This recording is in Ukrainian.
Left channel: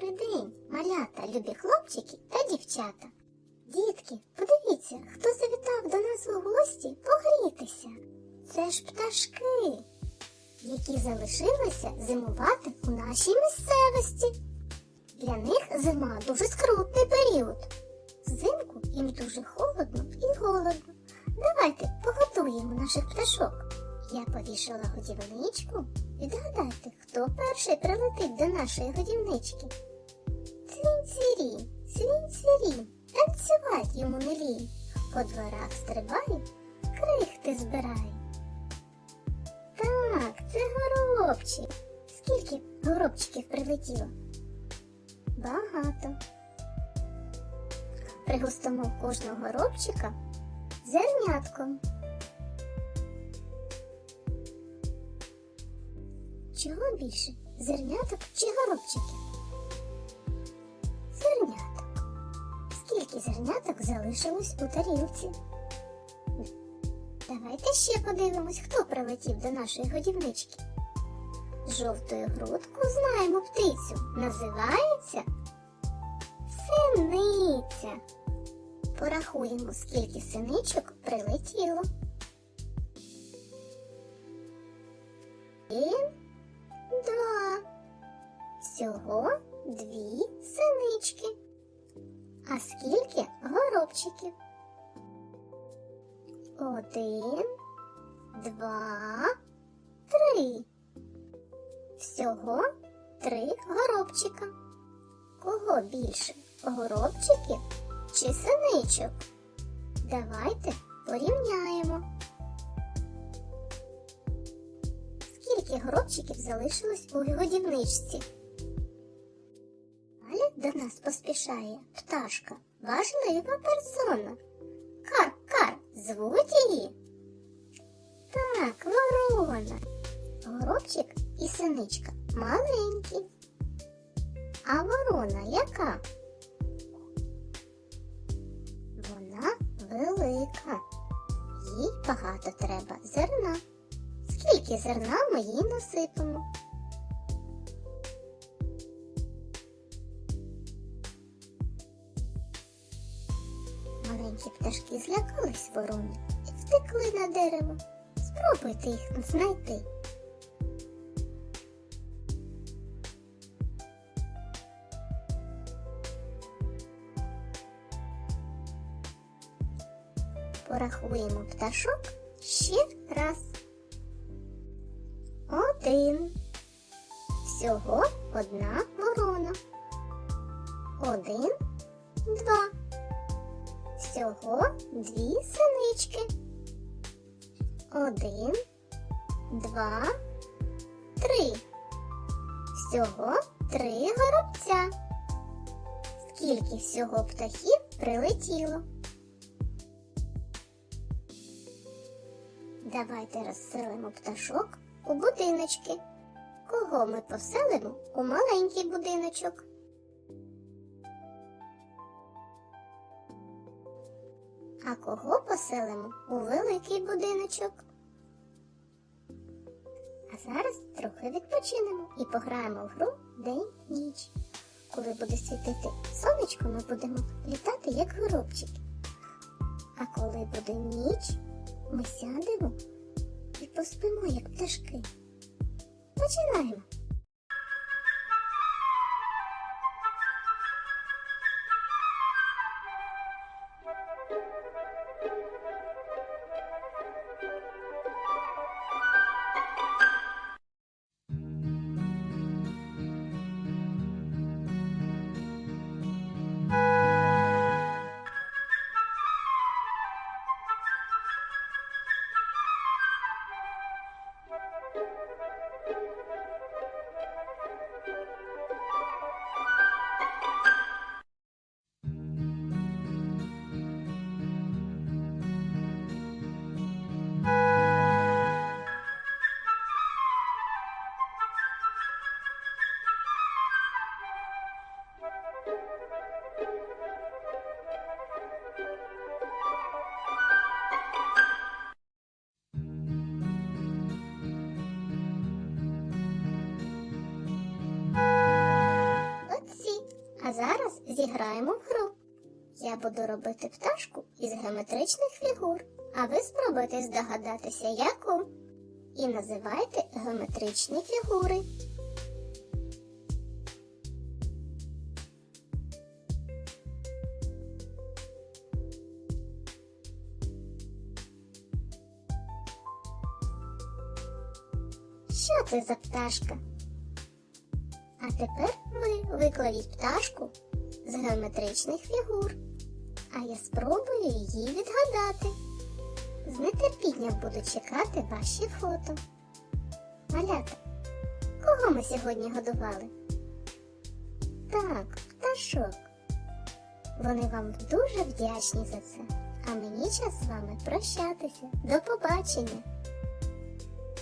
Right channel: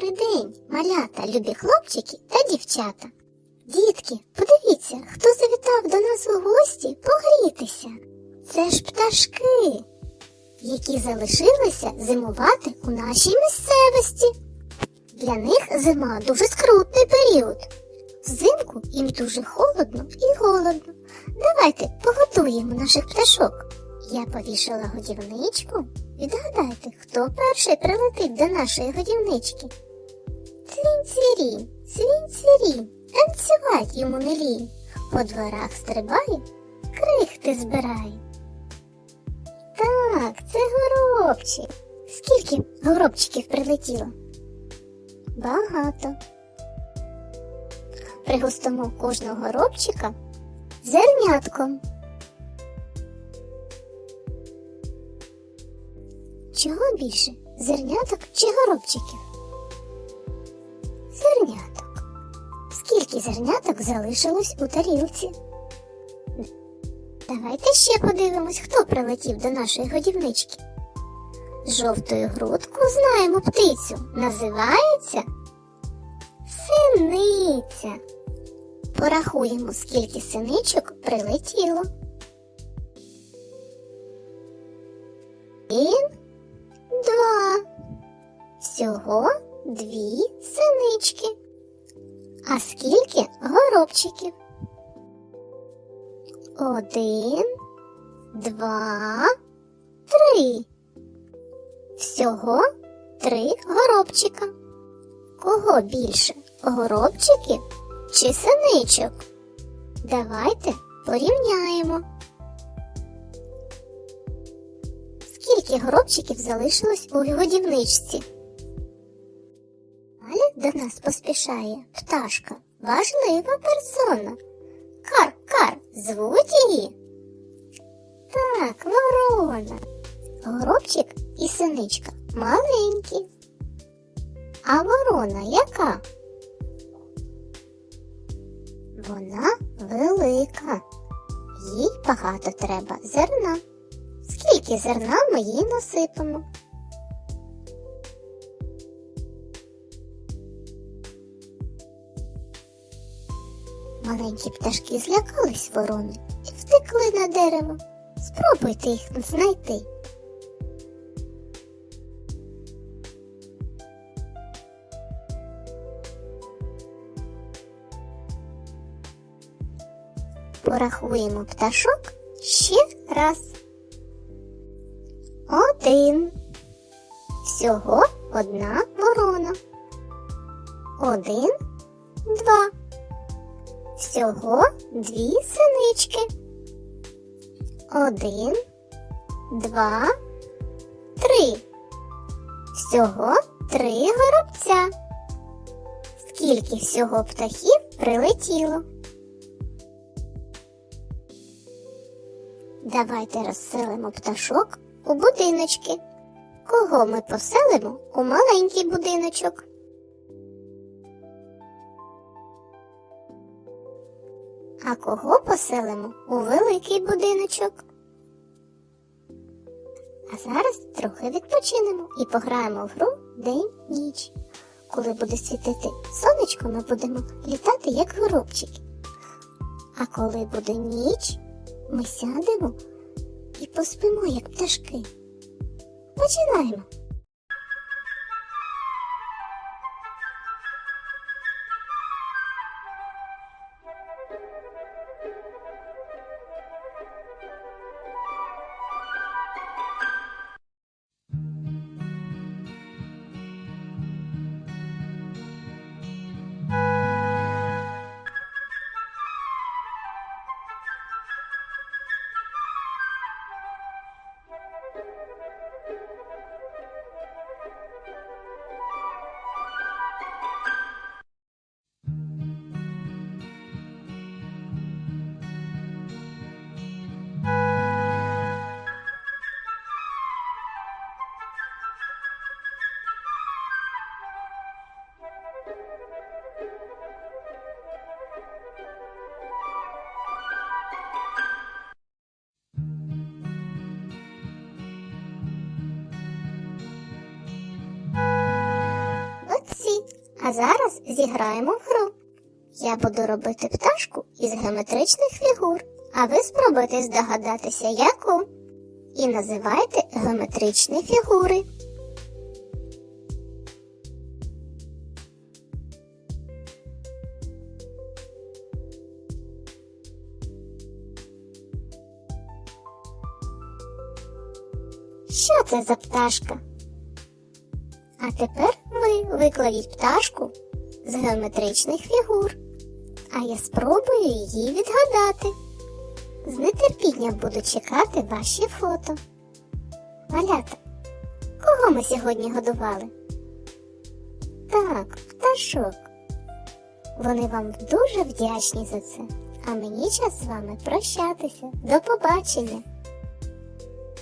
Добрий день, малята, любі хлопчики та дівчата. Дітки, подивіться, хто завітав до нас у гості погрітися. Це ж пташки, які залишилися зимувати у нашій місцевості. Для них зима дуже скрутний період. Взимку їм дуже холодно і голодно. Давайте поготуємо наших пташок. Я повішала годівничку. Відгадайте, хто перший прилетить до нашої годівнички. Цвінь-цвірінь, цвінь-цвірінь, танцювать йому не лінь. По дворах стрибає, крихти збирає. Так, це горобчик. Скільки горобчиків прилетіло? Багато. Пригостимо кожного горобчика зернятком. Чого більше? Зерняток чи горобчиків? Зерняток. Скільки зерняток залишилось у тарілці? Давайте ще подивимось, хто прилетів до нашої годівнички. Жовтою грудку знаємо птицю. Називається синиця. Порахуємо, скільки синичок прилетіло. Всього дві синички. А скільки горобчиків? Один, два, три. Всього три горобчика. Кого більше? Горобчиків чи синичок? Давайте порівняємо. Скільки горобчиків залишилось у годівничці? До нас поспішає пташка, важлива персона. Кар, кар, звуть її? Так, ворона. Горобчик і синичка маленькі. А ворона яка? Вона велика. Їй багато треба зерна. Скільки зерна ми їй насипемо? Маленькі пташки злякались ворони і втекли на дерево. Спробуйте їх знайти. Порахуємо пташок ще раз. Один. Всього одна ворона. Один, два. Всього дві синички. Один, два, три. Всього три горобця. Скільки всього птахів прилетіло? Давайте розселимо пташок у будиночки. Кого ми поселимо у маленький будиночок? А кого поселимо у великий будиночок? А зараз трохи відпочинемо і пограємо в гру день-ніч. Коли буде світити сонечко, ми будемо літати як горобчики. А коли буде ніч, ми сядемо і поспимо, як пташки. Починаємо. А зараз зіграємо в гру. Я буду робити пташку із геометричних фігур, а ви спробуйте здогадатися, яку. І називайте геометричні фігури. Що це за пташка? А тепер ви викладіть пташку з геометричних фігур, а я спробую її відгадати. З нетерпінням буду чекати ваші фото. Малята, кого ми сьогодні годували? Так, пташок. Вони вам дуже вдячні за це. А мені час з вами прощатися. До побачення!